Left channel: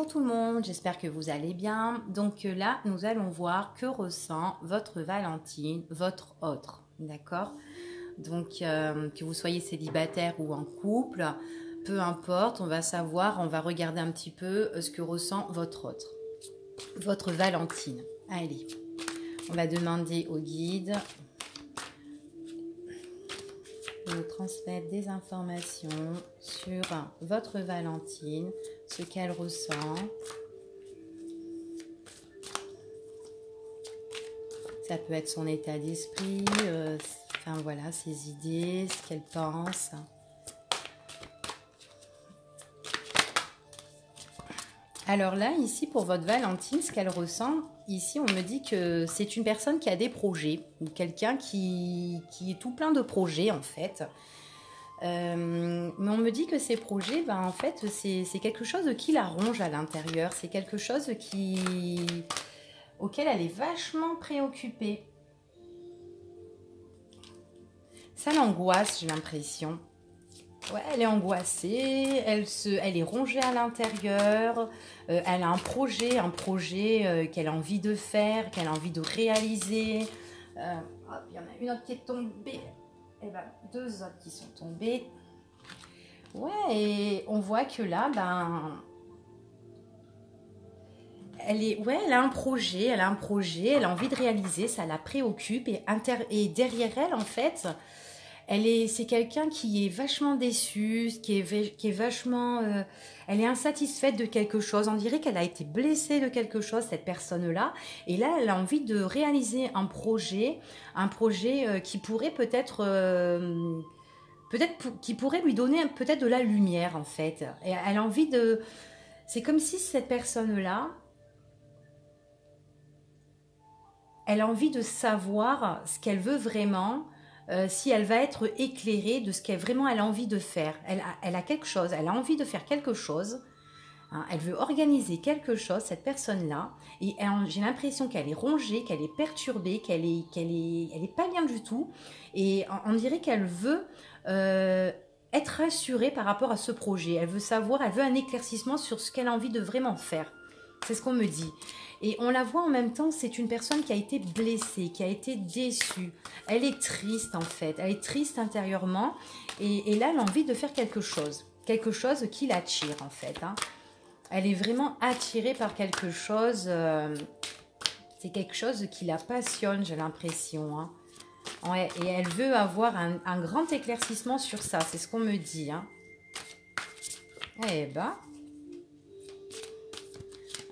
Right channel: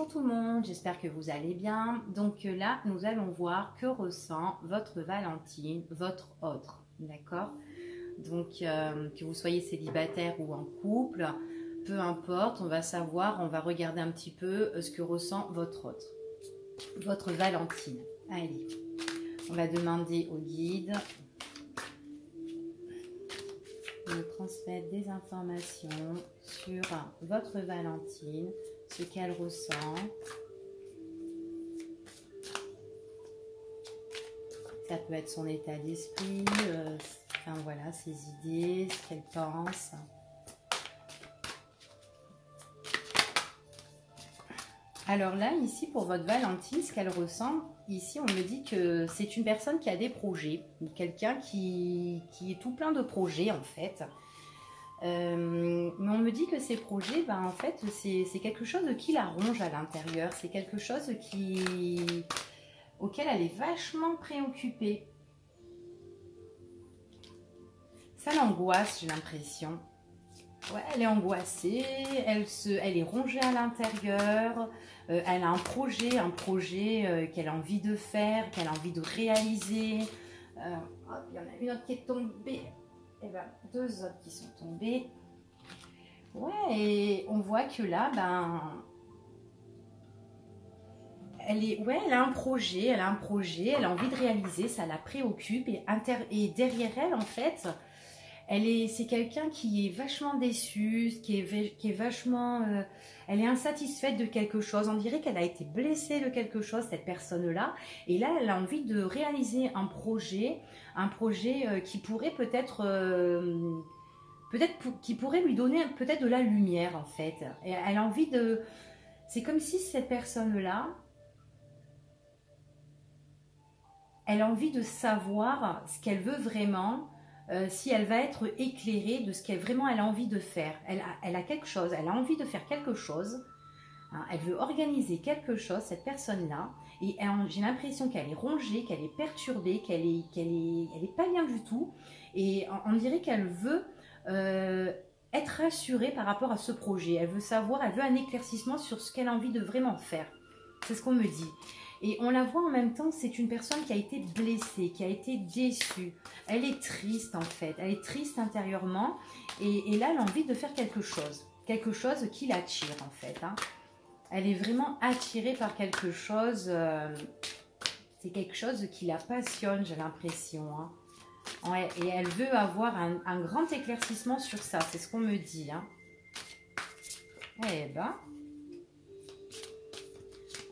Bonjour tout le monde, j'espère que vous allez bien. Donc là, nous allons voir que ressent votre Valentine, votre autre, d'accord? Donc que vous soyez célibataire ou en couple, peu importe, on va savoir, on va regarder un petit peu ce que ressent votre autre, votre Valentine. Allez, on va demander au guide de transmettre des informations sur votre Valentine, ce qu'elle ressent. Ça peut être son état d'esprit, enfin voilà, ses idées, ce qu'elle pense. Alors là, ici, pour votre Valentine, ce qu'elle ressent, ici, on me dit que c'est une personne qui a des projets, ou quelqu'un qui est tout plein de projets, en fait. Mais on me dit que ces projets, ben, en fait, c'est quelque chose qui la ronge à l'intérieur. C'est quelque chose auquel elle est vachement préoccupée. Ça l'angoisse, j'ai l'impression. Ouais, elle est angoissée, elle est rongée à l'intérieur, elle a un projet qu'elle a envie de faire, qu'elle a envie de réaliser. Hop, il y en a une autre qui est tombée, et ben, deux autres qui sont tombées. Ouais, et on voit que là, ben, elle a un projet, elle a envie de réaliser, ça la préoccupe, et derrière elle, en fait, c'est quelqu'un qui est vachement déçu, qui est vachement, elle est insatisfaite de quelque chose. On dirait qu'elle a été blessée de quelque chose, cette personne-là. Et là, elle a envie de réaliser un projet qui pourrait qui pourrait lui donner peut-être de la lumière, en fait. Et elle a envie de, c'est comme si cette personne-là, elle a envie de savoir ce qu'elle veut vraiment. Si elle va être éclairée de ce qu'elle vraiment elle a envie de faire. Elle a quelque chose, elle a envie de faire quelque chose. Hein, elle veut organiser quelque chose, cette personne-là. Et j'ai l'impression qu'elle est rongée, qu'elle est perturbée, elle est pas bien du tout. Et on dirait qu'elle veut être rassurée par rapport à ce projet. Elle veut savoir, elle veut un éclaircissement sur ce qu'elle a envie de vraiment faire. C'est ce qu'on me dit. Et on la voit en même temps, c'est une personne qui a été blessée, qui a été déçue. Elle est triste en fait, elle est triste intérieurement. Et là, elle a envie de faire quelque chose qui l'attire en fait. Hein. Elle est vraiment attirée par quelque chose. C'est quelque chose qui la passionne, j'ai l'impression. Hein. Ouais, et elle veut avoir un grand éclaircissement sur ça, c'est ce qu'on me dit. Hein. Eh ben...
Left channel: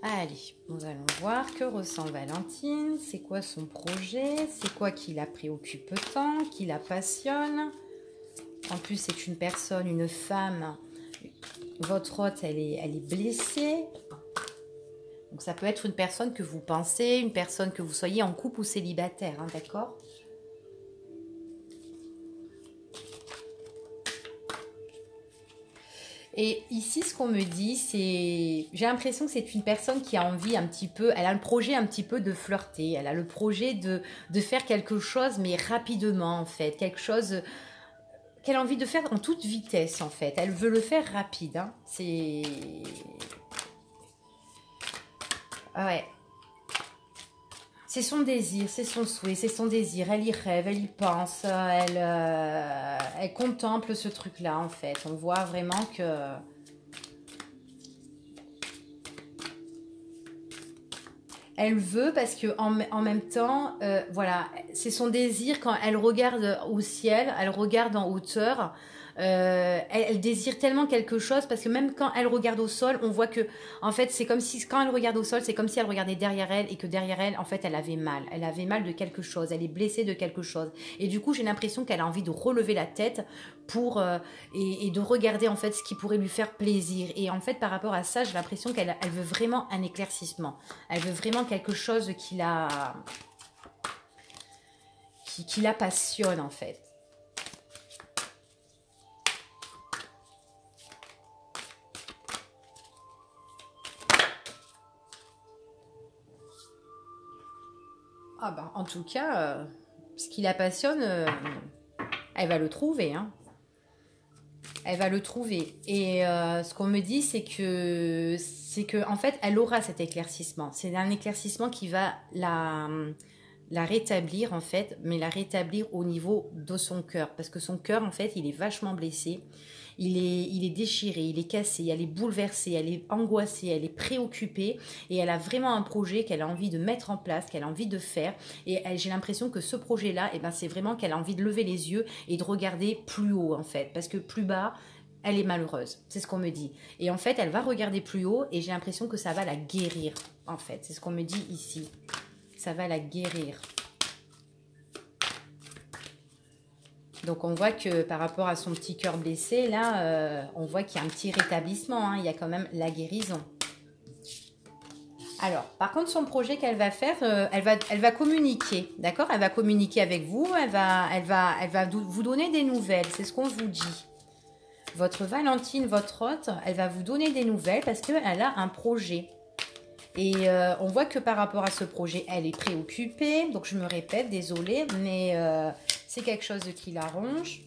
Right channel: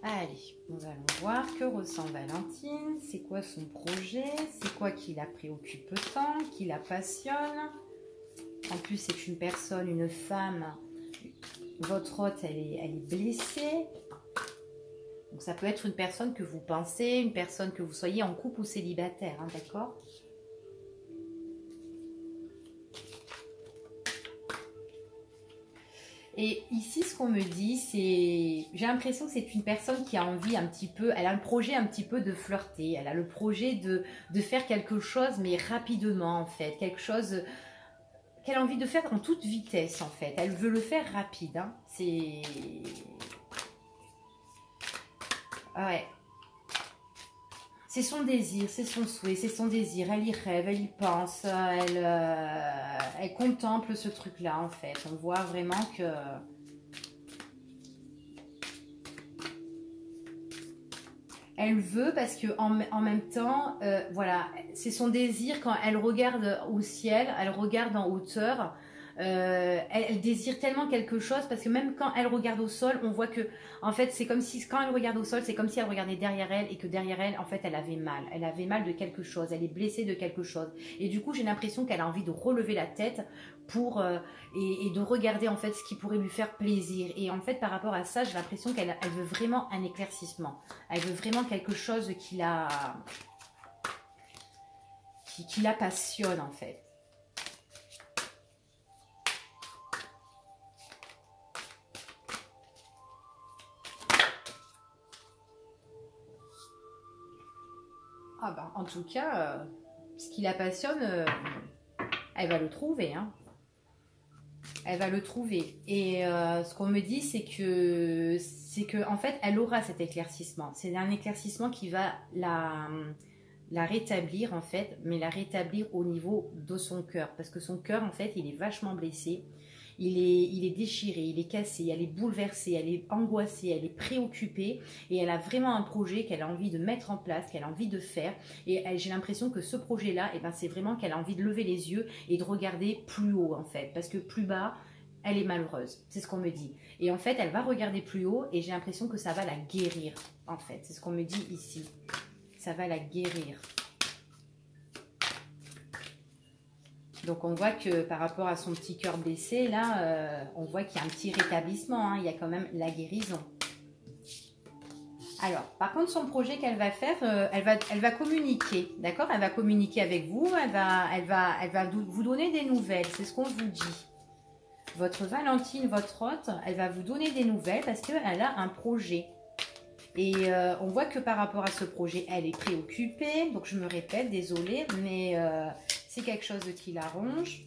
Allez, nous allons voir que ressent Valentine, c'est quoi son projet, c'est quoi qui la préoccupe tant, qui la passionne. En plus, c'est une personne, une femme, votre hôte, elle est blessée. Donc ça peut être une personne que vous pensez, une personne que vous soyez en couple ou célibataire, hein, d'accord ? Et ici, ce qu'on me dit, c'est... J'ai l'impression que c'est une personne qui a envie un petit peu... Elle a le projet un petit peu de flirter. Elle a le projet de faire quelque chose, mais rapidement, en fait. Quelque chose qu'elle a envie de faire en toute vitesse, en fait. Elle veut le faire rapide. Hein. C'est... Ouais. C'est son désir, c'est son souhait, c'est son désir. Elle y rêve, elle y pense. Elle contemple ce truc-là, en fait. On voit vraiment que... Elle veut parce que en même temps, voilà, c'est son désir quand elle regarde au ciel, elle regarde en hauteur, elle désire tellement quelque chose parce que même quand elle regarde au sol, on voit que en fait c'est comme si quand elle regarde au sol, c'est comme si elle regardait derrière elle et que derrière elle, en fait, elle avait mal de quelque chose, elle est blessée de quelque chose. Et du coup, j'ai l'impression qu'elle a envie de relever la tête pour et de regarder en fait ce qui pourrait lui faire plaisir. Et en fait, par rapport à ça, j'ai l'impression qu'elle veut vraiment un éclaircissement. Elle veut vraiment quelque chose qui la passionne en fait. Ah ben, en tout cas, ce qui la passionne, elle va le trouver. Hein. Elle va le trouver. Et ce qu'on me dit, c'est que c'est que en fait, elle aura cet éclaircissement. C'est un éclaircissement qui va la rétablir en fait, mais la rétablir au niveau de son cœur. Parce que son cœur, en fait, il est vachement blessé. Il est déchiré, il est cassé, elle est bouleversée, elle est angoissée, elle est préoccupée et elle a vraiment un projet qu'elle a envie de mettre en place, qu'elle a envie de faire. Et j'ai l'impression que ce projet-là, eh ben, c'est vraiment qu'elle a envie de lever les yeux et de regarder plus haut en fait. Parce que plus bas, elle est malheureuse, c'est ce qu'on me dit. Et en fait, elle va regarder plus haut et j'ai l'impression que ça va la guérir en fait. C'est ce qu'on me dit ici. Ça va la guérir. Donc on voit que par rapport à son petit cœur blessé, là, on voit qu'il y a un petit rétablissement, hein, il y a quand même la guérison. Alors, par contre, son projet qu'elle va faire, elle va communiquer, d'accord? Elle va communiquer avec vous, elle va vous donner des nouvelles, c'est ce qu'on vous dit. Votre Valentine, votre hôte, elle va vous donner des nouvelles parce qu'elle a un projet. Et on voit que par rapport à ce projet, elle est préoccupée. Donc je me répète, désolée, mais c'est quelque chose qui la ronge.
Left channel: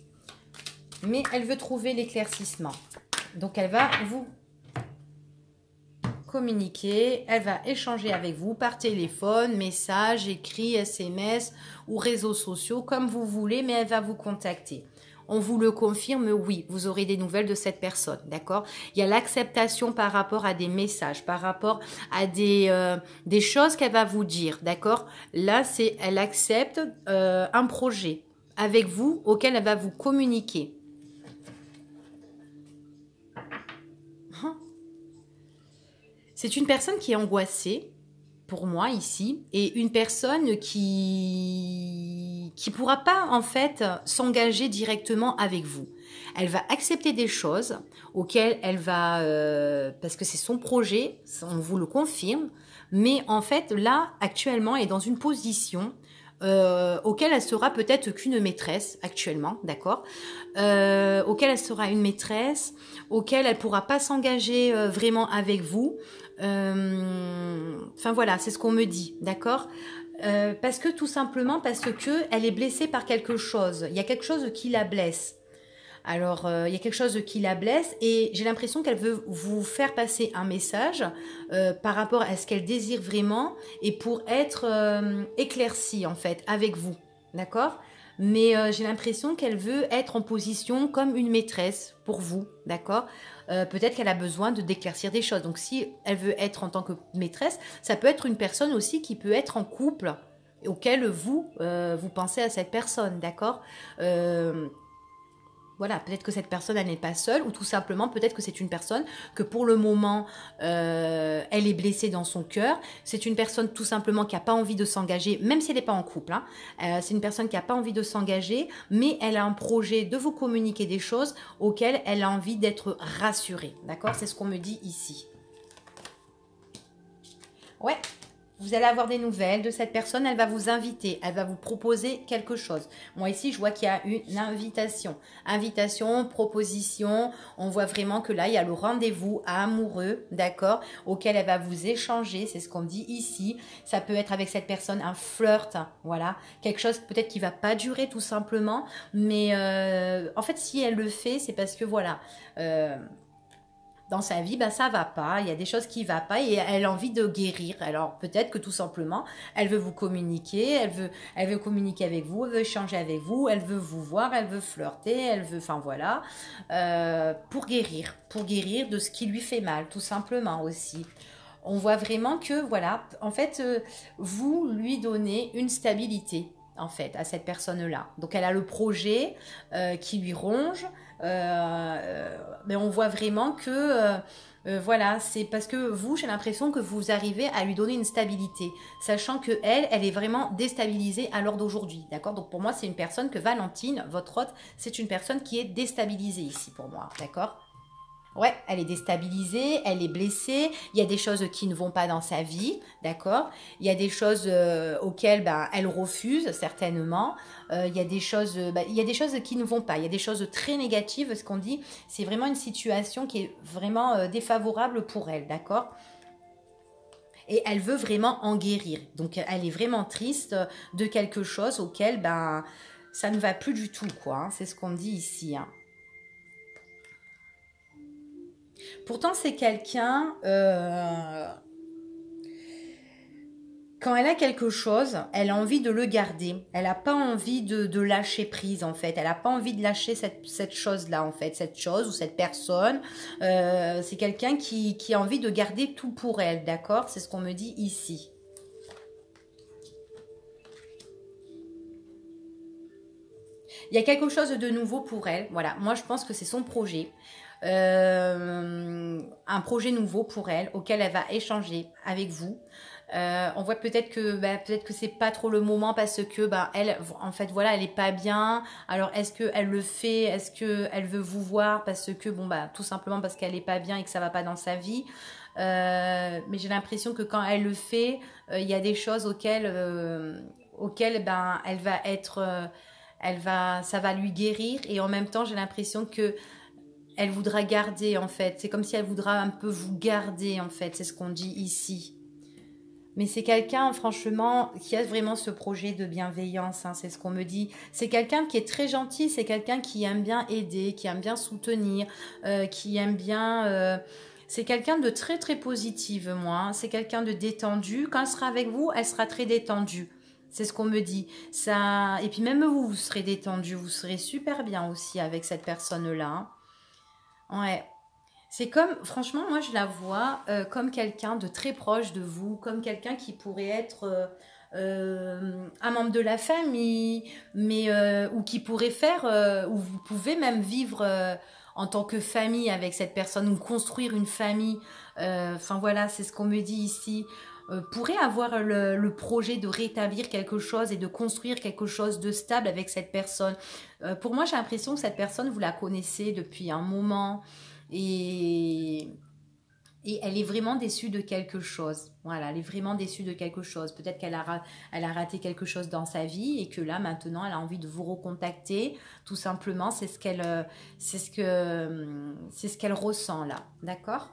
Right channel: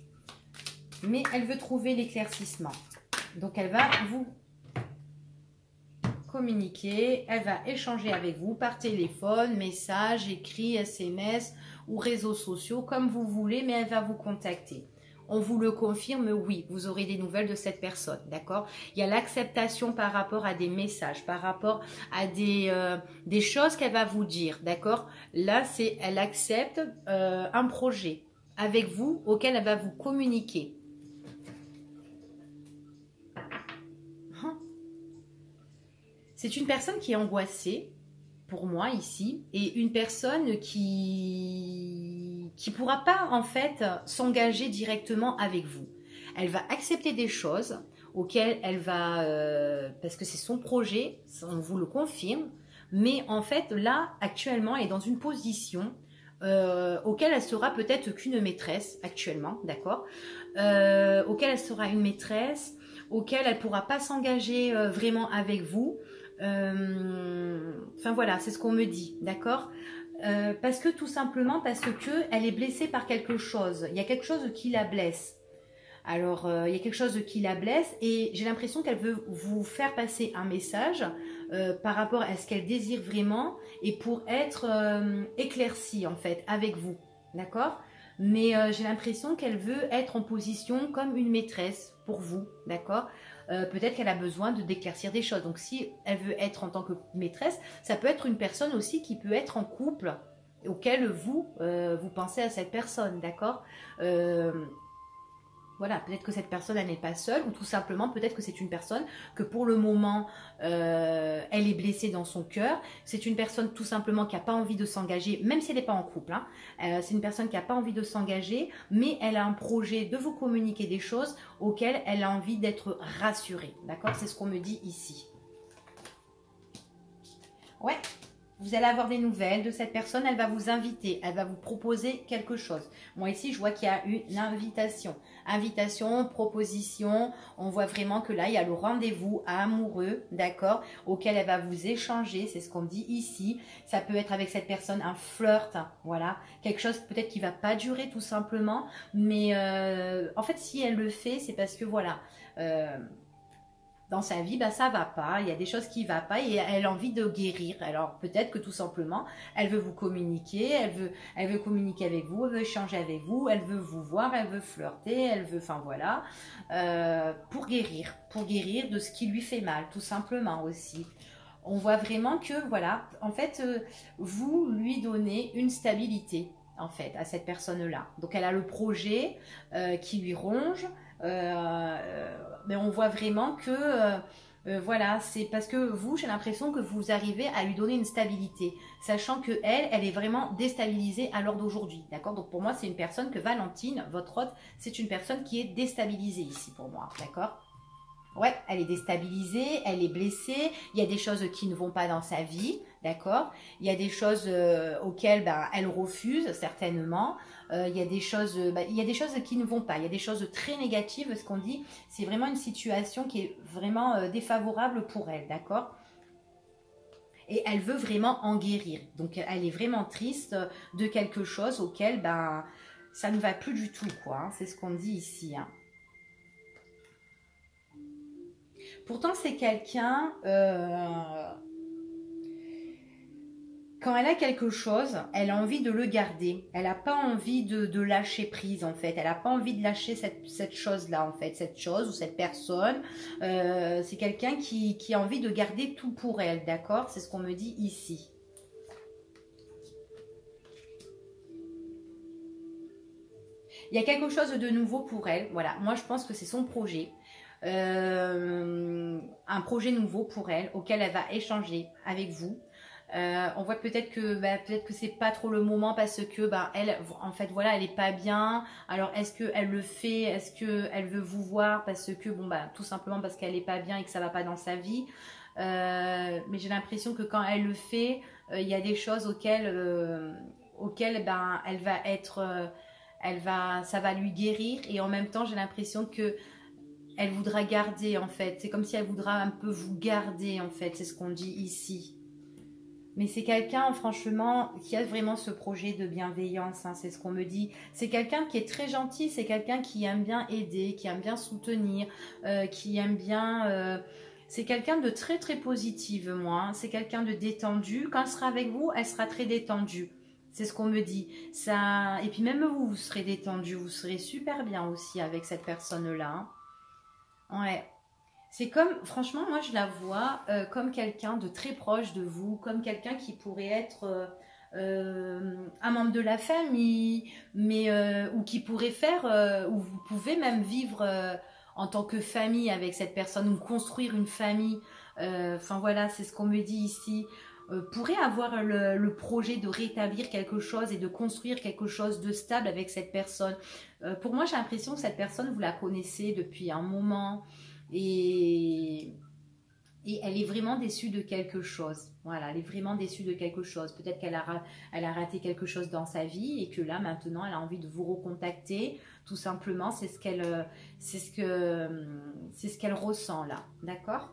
Mais elle veut trouver l'éclaircissement. Donc elle va vous communiquer, elle va échanger avec vous par téléphone, message, écrit, SMS ou réseaux sociaux, comme vous voulez, mais elle va vous contacter. On vous le confirme, oui, vous aurez des nouvelles de cette personne, d'accord? Il y a l'acceptation par rapport à des messages, par rapport à des choses qu'elle va vous dire, d'accord? Là, elle accepte un projet avec vous auquel elle va vous communiquer. C'est une personne qui est angoissée, pour moi ici, et une personne qui pourra pas en fait s'engager directement avec vous. Elle va accepter des choses auxquelles elle va, parce que c'est son projet, on vous le confirme, mais en fait là actuellement elle est dans une position auquel elle sera peut-être qu'une maîtresse actuellement, d'accord, auquel elle sera une maîtresse, auquel elle pourra pas s'engager vraiment avec vous. Enfin voilà, c'est ce qu'on me dit, d'accord, parce que tout simplement parce que elle est blessée par quelque chose. Il y a quelque chose qui la blesse. Alors, il y a quelque chose qui la blesse et j'ai l'impression qu'elle veut vous faire passer un message par rapport à ce qu'elle désire vraiment et pour être éclaircie en fait avec vous, d'accord? Mais j'ai l'impression qu'elle veut être en position comme une maîtresse pour vous, d'accord? Peut-être qu'elle a besoin d'éclaircir des choses. Donc, si elle veut être en tant que maîtresse, ça peut être une personne aussi qui peut être en couple auquel vous pensez à cette personne, d'accord? Voilà, peut-être que cette personne, elle n'est pas seule, ou tout simplement, peut-être que c'est une personne que pour le moment, elle est blessée dans son cœur. C'est une personne tout simplement qui n'a pas envie de s'engager, même si elle n'est pas en couple. Hein. C'est une personne qui n'a pas envie de s'engager, mais elle a un projet de vous communiquer des choses auxquelles elle a envie d'être rassurée. D'accord? C'est ce qu'on me dit ici. Ouais. Vous allez avoir des nouvelles de cette personne, elle va vous inviter, elle va vous proposer quelque chose. Moi ici, je vois qu'il y a une invitation. Invitation, proposition, on voit vraiment que là, il y a le rendez-vous amoureux, d'accord, auquel elle va vous échanger, c'est ce qu'on dit ici. Ça peut être avec cette personne un flirt, voilà, quelque chose peut-être qui ne va pas durer tout simplement, mais en fait, si elle le fait, c'est parce que voilà... dans sa vie, bah, ça va pas, il y a des choses qui ne vont pas et elle a envie de guérir. Alors peut-être que tout simplement, elle veut vous communiquer, elle veut communiquer avec vous, elle veut échanger avec vous, elle veut vous voir, elle veut flirter, elle veut, enfin voilà, pour guérir de ce qui lui fait mal, tout simplement aussi. On voit vraiment que, voilà, en fait, vous lui donnez une stabilité, en fait, à cette personne-là. Donc elle a le projet qui lui ronge, mais on voit vraiment que voilà, c'est parce que vous, j'ai l'impression que vous arrivez à lui donner une stabilité, sachant que elle est vraiment déstabilisée à l'heure d'aujourd'hui, d'accord? Donc pour moi, c'est une personne que Valentine, votre hôte, c'est une personne qui est déstabilisée ici pour moi, d'accord? Ouais, elle est déstabilisée, elle est blessée, il y a des choses qui ne vont pas dans sa vie, d'accord? Il y a des choses auxquelles elle refuse certainement. Il y a des choses, il y a des choses qui ne vont pas, il y a des choses très négatives, ce qu'on dit, c'est vraiment une situation qui est vraiment défavorable pour elle, d'accord? Et elle veut vraiment en guérir. Donc elle est vraiment triste de quelque chose auquel ça ne va plus du tout, quoi. Hein. C'est ce qu'on dit ici, hein. Pourtant, c'est quelqu'un, quand elle a quelque chose, elle a envie de le garder. Elle n'a pas envie de lâcher prise, en fait. Elle n'a pas envie de lâcher cette chose-là, en fait. Cette chose ou cette personne. C'est quelqu'un qui a envie de garder tout pour elle, d'accord? C'est ce qu'on me dit ici. Il y a quelque chose de nouveau pour elle. Voilà, moi je pense que c'est son projet. Un projet nouveau pour elle, auquel elle va échanger avec vous. On voit peut-être que c'est pas trop le moment parce que elle, en fait, voilà, elle est pas bien. Alors est-ce que elle le fait? Est-ce que elle veut vous voir parce que tout simplement parce qu'elle est pas bien et que ça va pas dans sa vie. Mais j'ai l'impression que quand elle le fait, il y a des choses auxquelles elle va être, ça va lui guérir et en même temps j'ai l'impression que elle voudra garder en fait. C'est comme si elle voudra un peu vous garder en fait. C'est ce qu'on dit ici. Mais c'est quelqu'un, franchement, qui a vraiment ce projet de bienveillance, hein, c'est ce qu'on me dit. C'est quelqu'un qui est très gentil, c'est quelqu'un qui aime bien aider, qui aime bien soutenir, qui aime bien... c'est quelqu'un de très très positif, moi. Hein. C'est quelqu'un de détendu. Quand elle sera avec vous, elle sera très détendue. C'est ce qu'on me dit. Ça... Et puis même vous, vous serez détendu, vous serez super bien aussi avec cette personne-là. Hein. Ouais. C'est comme, franchement, moi je la vois comme quelqu'un de très proche de vous, comme quelqu'un qui pourrait être un membre de la famille, mais ou qui pourrait faire, ou vous pouvez même vivre en tant que famille avec cette personne, ou construire une famille. Enfin voilà, c'est ce qu'on me dit ici. Pourrait avoir le projet de rétablir quelque chose et de construire quelque chose de stable avec cette personne. Pour moi, j'ai l'impression que cette personne, vous la connaissez depuis un moment. Et, et elle est vraiment déçue de quelque chose. Voilà, elle est vraiment déçue de quelque chose. Peut-être elle a raté quelque chose dans sa vie et que là, maintenant, elle a envie de vous recontacter. Tout simplement, c'est ce qu'elle ressent là. D'accord?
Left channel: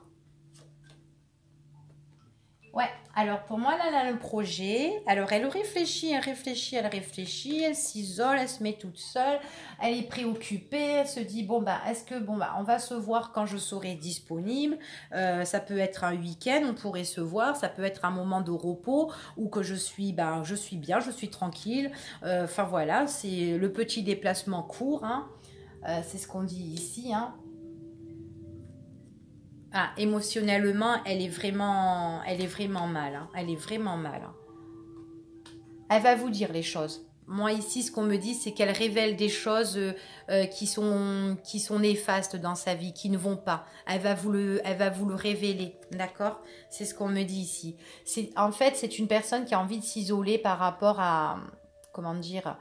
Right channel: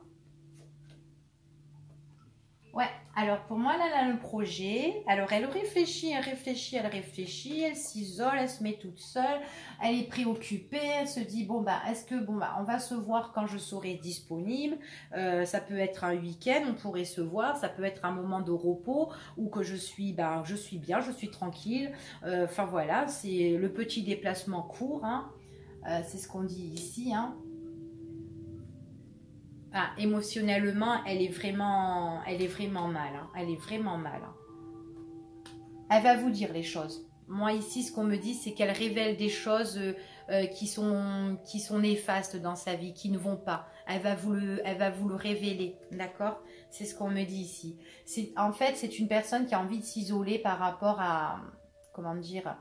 Ouais, alors pour moi, là, elle a le projet. Alors, elle réfléchit, elle réfléchit, elle réfléchit, elle s'isole, elle se met toute seule, elle est préoccupée, elle se dit, est-ce que, on va se voir quand je serai disponible. Ça peut être un week-end, on pourrait se voir, ça peut être un moment de repos ou que je suis bien, je suis tranquille. Enfin, voilà, c'est le petit déplacement court, hein. C'est ce qu'on dit ici, hein. Ah, émotionnellement, elle est vraiment mal. Hein. Elle est vraiment mal. Hein. Elle va vous dire les choses. Moi ici, ce qu'on me dit, c'est qu'elle révèle des choses qui sont néfastes dans sa vie, qui ne vont pas. Elle va vous le révéler, d'accord? C'est ce qu'on me dit ici. En fait, c'est une personne qui a envie de s'isoler par rapport à, comment dire,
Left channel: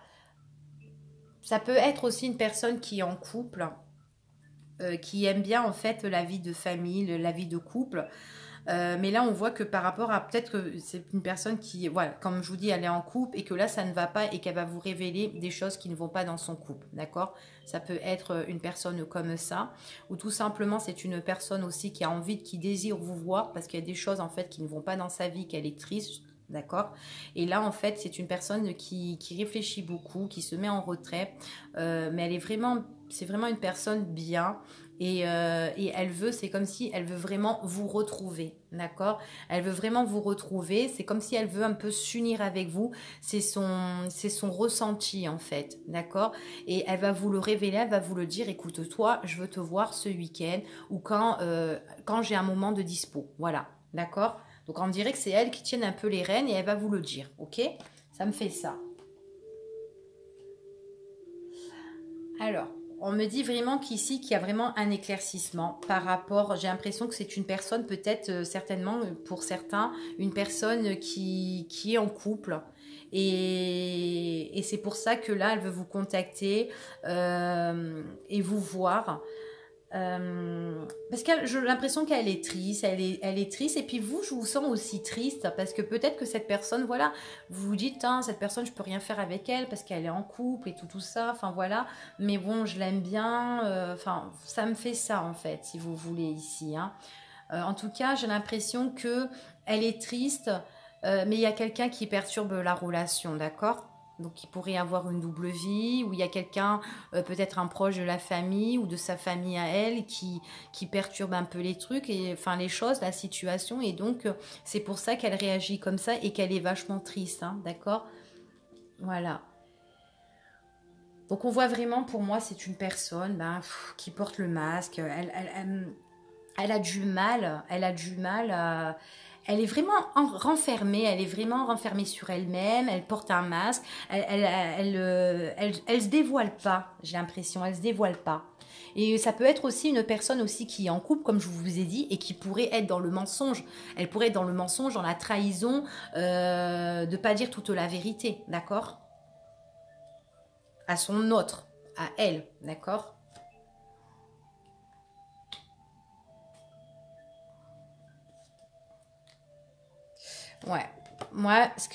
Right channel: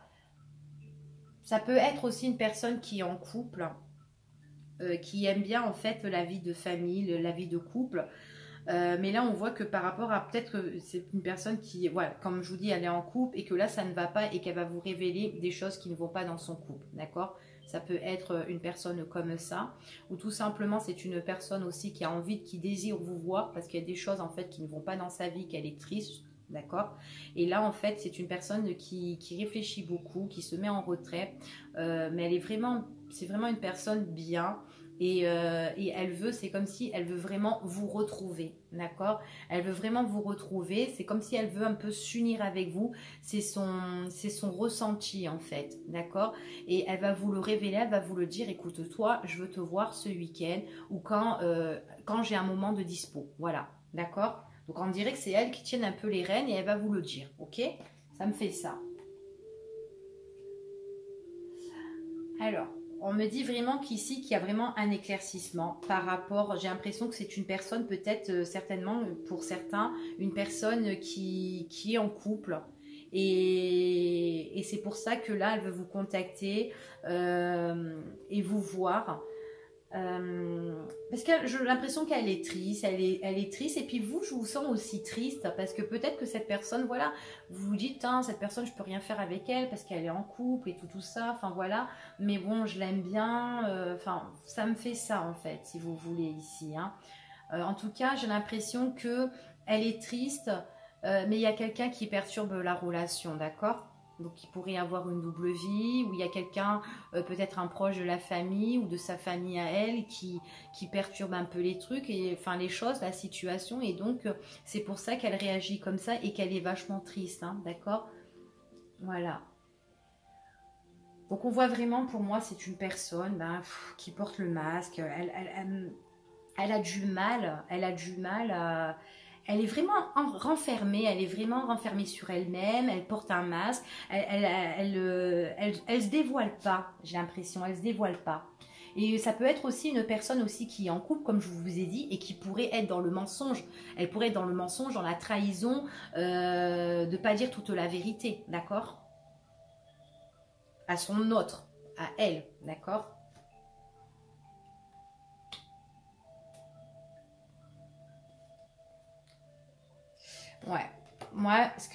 ça peut être aussi une personne qui est en couple qui aime bien en fait la vie de famille, la vie de couple. Mais là, on voit que par rapport à peut-être que c'est une personne qui, voilà, comme je vous dis, elle est en couple et que là, ça ne va pas et qu'elle va vous révéler des choses qui ne vont pas dans son couple, d'accord? Ça peut être une personne comme ça, ou tout simplement, c'est une personne aussi qui a envie, qui désire vous voir parce qu'il y a des choses en fait qui ne vont pas dans sa vie, qu'elle est triste. D'accord. Et là, en fait, c'est une personne qui réfléchit beaucoup, qui se met en retrait, mais c'est vraiment une personne bien. Et elle veut, c'est comme si elle veut vraiment vous retrouver, d'accord? Elle veut vraiment vous retrouver, c'est comme si elle veut un peu s'unir avec vous, c'est son ressenti en fait, d'accord? Et elle va vous le révéler, elle va vous le dire, écoute, toi, je veux te voir ce week-end ou quand j'ai un moment de dispo, voilà, d'accord? Donc on dirait que c'est elle qui tient un peu les rênes et elle va vous le dire, ok? Ça me fait ça. Alors, on me dit vraiment qu'ici, qu'il y a vraiment un éclaircissement par rapport, j'ai l'impression que c'est une personne, peut-être certainement pour certains, une personne qui est en couple. Et c'est pour ça que là, elle veut vous contacter et vous voir. Parce que j'ai l'impression qu'elle est triste, elle est triste, et puis vous, je vous sens aussi triste, parce que peut-être que cette personne, voilà, vous vous dites, hein, cette personne, je peux rien faire avec elle, parce qu'elle est en couple, et tout ça, enfin voilà, mais bon, je l'aime bien, enfin, ça me fait ça, en fait, si vous voulez, ici, hein. En tout cas, j'ai l'impression que elle est triste, mais il y a quelqu'un qui perturbe la relation, d'accord? Donc il pourrait y avoir une double vie, où il y a quelqu'un, peut-être un proche de la famille ou de sa famille à elle, qui perturbe un peu les trucs, et enfin les choses, la situation. Et donc c'est pour ça qu'elle réagit comme ça et qu'elle est vachement triste, hein, d'accord? Voilà. Donc on voit vraiment, pour moi, c'est une personne ben, qui porte le masque. Elle a du mal, elle est vraiment renfermée, elle est vraiment renfermée sur elle-même, elle porte un masque, elle se dévoile pas, j'ai l'impression, elle se dévoile pas. Et ça peut être aussi une personne aussi qui est en couple, comme je vous ai dit, et qui pourrait être dans le mensonge. Elle pourrait être dans le mensonge, dans la trahison, de pas dire toute la vérité, d'accord? À son autre, à elle, d'accord? Ouais. Moi, ce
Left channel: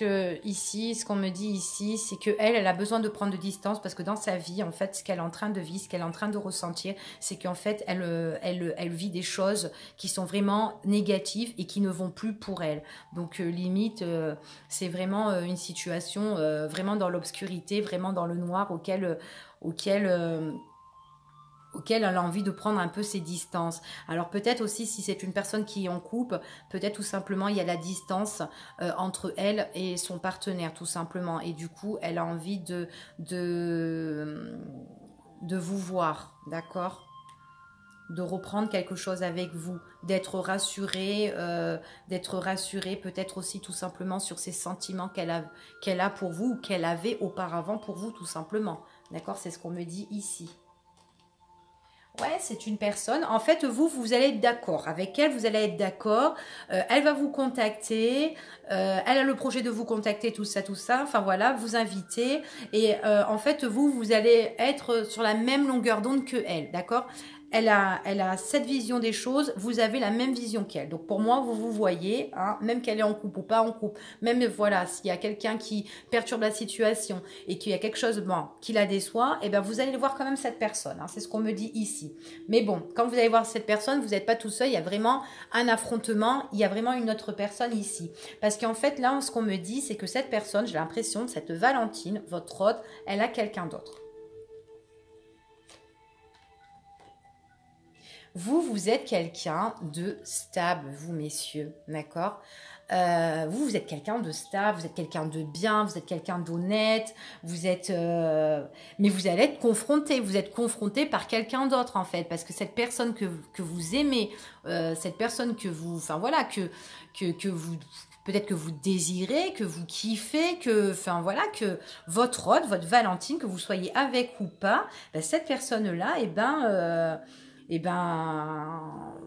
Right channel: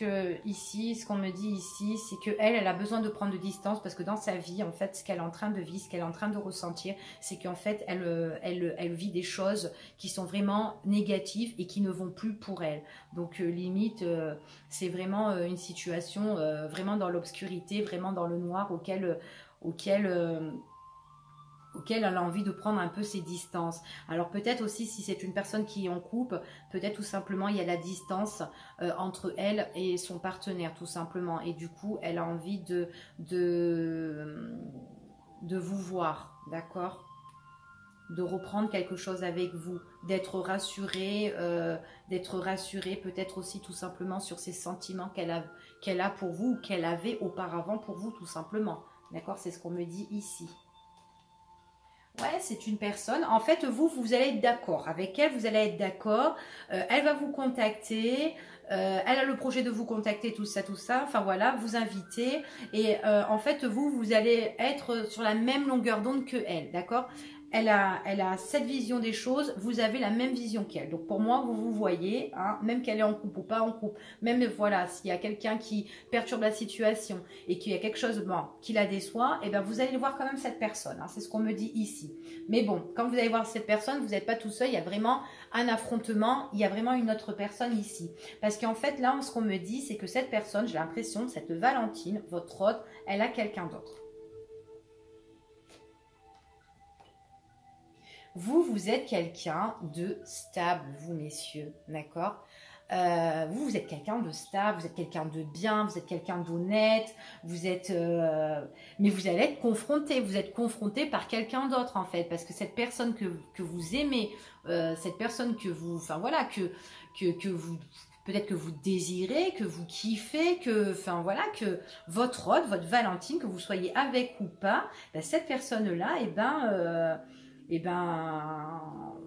qu'on me dit ici, c'est que elle a besoin de prendre de distance parce que dans sa vie, en fait, ce qu'elle est en train de vivre, ce qu'elle est en train de ressentir, c'est qu'en fait, elle vit des choses qui sont vraiment négatives et qui ne vont plus pour elle. Donc, limite, c'est vraiment une situation vraiment dans l'obscurité, vraiment dans le noir auquel auquel elle a envie de prendre un peu ses distances. Alors peut-être aussi si c'est une personne qui est en couple, peut-être tout simplement il y a la distance entre elle et son partenaire tout simplement. Et du coup elle a envie de, de vous voir, d'accord? De reprendre quelque chose avec vous, d'être rassurée peut-être aussi tout simplement sur ces sentiments qu'elle a pour vous ou qu'elle avait auparavant pour vous tout simplement. D'accord? C'est ce qu'on me dit ici. Ouais, c'est une personne. En fait, vous allez être d'accord. Avec elle, vous allez être d'accord. Elle va vous contacter. Elle a le projet de vous contacter, tout ça, tout ça. Enfin voilà, vous inviter. Et en fait, vous allez être sur la même longueur d'onde que elle, d'accord? Elle a cette vision des choses, vous avez la même vision qu'elle. Donc pour moi, vous vous voyez, hein, même qu'elle est en couple ou pas en couple, même voilà, s'il y a quelqu'un qui perturbe la situation et qu'il y a quelque chose bon, qui la déçoit, et ben vous allez voir quand même cette personne. Hein, c'est ce qu'on me dit ici. Mais bon, quand vous allez voir cette personne, vous n'êtes pas tout seul, il y a vraiment un affrontement, il y a vraiment une autre personne ici. Parce qu'en fait, là, ce qu'on me dit, c'est que cette personne, j'ai l'impression, cette Valentine, votre hôte, elle a quelqu'un d'autre. Vous êtes quelqu'un de stable, vous messieurs, d'accord? Vous êtes quelqu'un de stable, vous êtes quelqu'un de bien, vous êtes quelqu'un d'honnête, mais vous allez être confronté, vous êtes confronté par quelqu'un d'autre en fait, parce que cette personne que vous aimez, cette personne que vous, enfin voilà, que vous, peut-être que vous désirez, que vous kiffez, enfin voilà, que votre hôte, votre Valentine, que vous soyez avec ou pas, ben, cette personne-là, eh ben,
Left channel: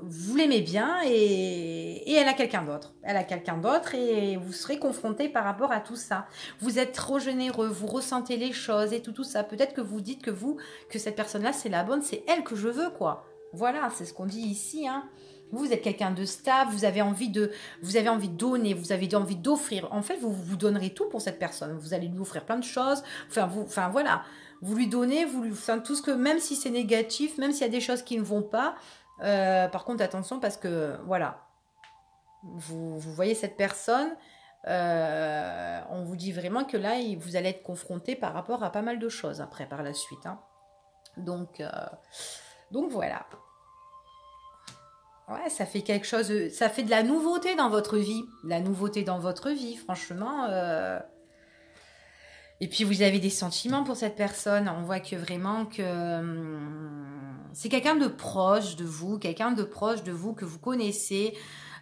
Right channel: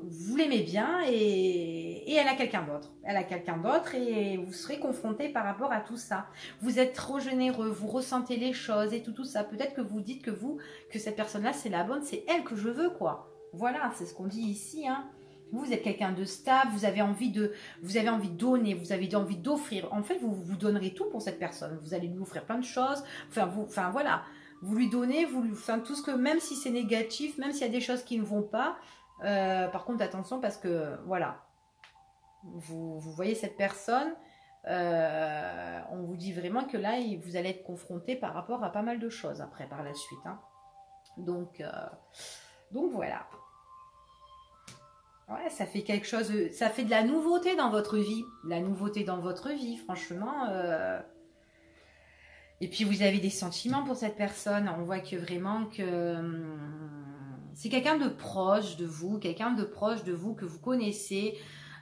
vous l'aimez bien et elle a quelqu'un d'autre. Elle a quelqu'un d'autre et vous serez confronté par rapport à tout ça. Vous êtes trop généreux, vous ressentez les choses et tout ça. Peut-être que vous dites que cette personne-là, c'est la bonne, c'est elle que je veux, quoi. Voilà, c'est ce qu'on dit ici, hein. Vous êtes quelqu'un de stable, vous avez envie de donner, vous avez envie d'offrir. En fait, vous donnerez tout pour cette personne. Vous allez lui offrir plein de choses. Enfin voilà, vous lui donnez, enfin, tout ce que, même si c'est négatif, même s'il y a des choses qui ne vont pas, par contre, attention parce que, voilà, vous voyez cette personne, on vous dit vraiment que là, vous allez être confronté par rapport à pas mal de choses après, par la suite. Hein. Donc, voilà. Ouais, ça fait quelque chose, ça fait de la nouveauté dans votre vie. De la nouveauté dans votre vie, franchement. Et puis vous avez des sentiments pour cette personne. On voit que vraiment que c'est quelqu'un de proche de vous que vous connaissez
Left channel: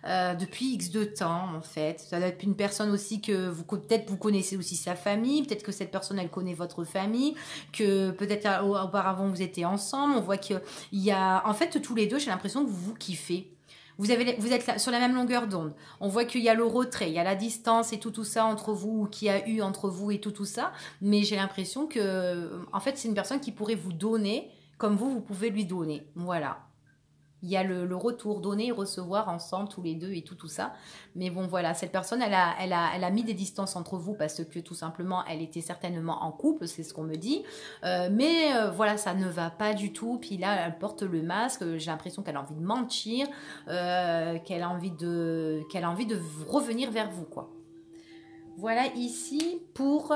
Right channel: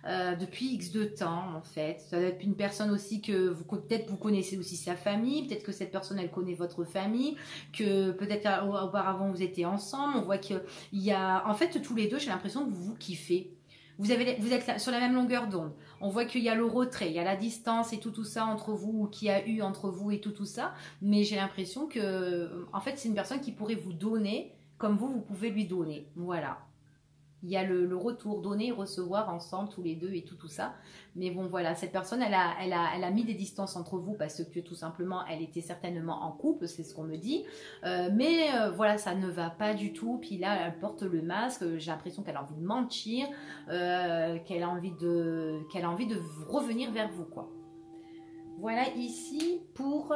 depuis X de temps en fait. Ça doit être une personne aussi que peut-être vous connaissez aussi sa famille, peut-être que cette personne elle connaît votre famille, que peut-être auparavant vous étiez ensemble. On voit qu'il y a en fait tous les deux, j'ai l'impression que vous vous kiffez. Vous êtes sur la même longueur d'onde. On voit qu'il y a le retrait, il y a la distance et tout ça entre vous, ou qu'il y a eu entre vous et tout ça. Mais j'ai l'impression que, en fait, c'est une personne qui pourrait vous donner comme vous pouvez lui donner. Voilà. Il y a le retour, donner et recevoir ensemble, tous les deux et tout ça. Mais bon, voilà, cette personne, elle a mis des distances entre vous parce que tout simplement, elle était certainement en couple, c'est ce qu'on me dit. Voilà, ça ne va pas du tout. Puis là, elle porte le masque. J'ai l'impression qu'elle a envie de mentir, qu'elle a envie de revenir vers vous, quoi. Voilà ici pour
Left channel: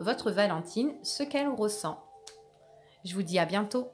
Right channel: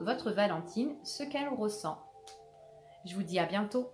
votre Valentine, ce qu'elle ressent. Je vous dis à bientôt.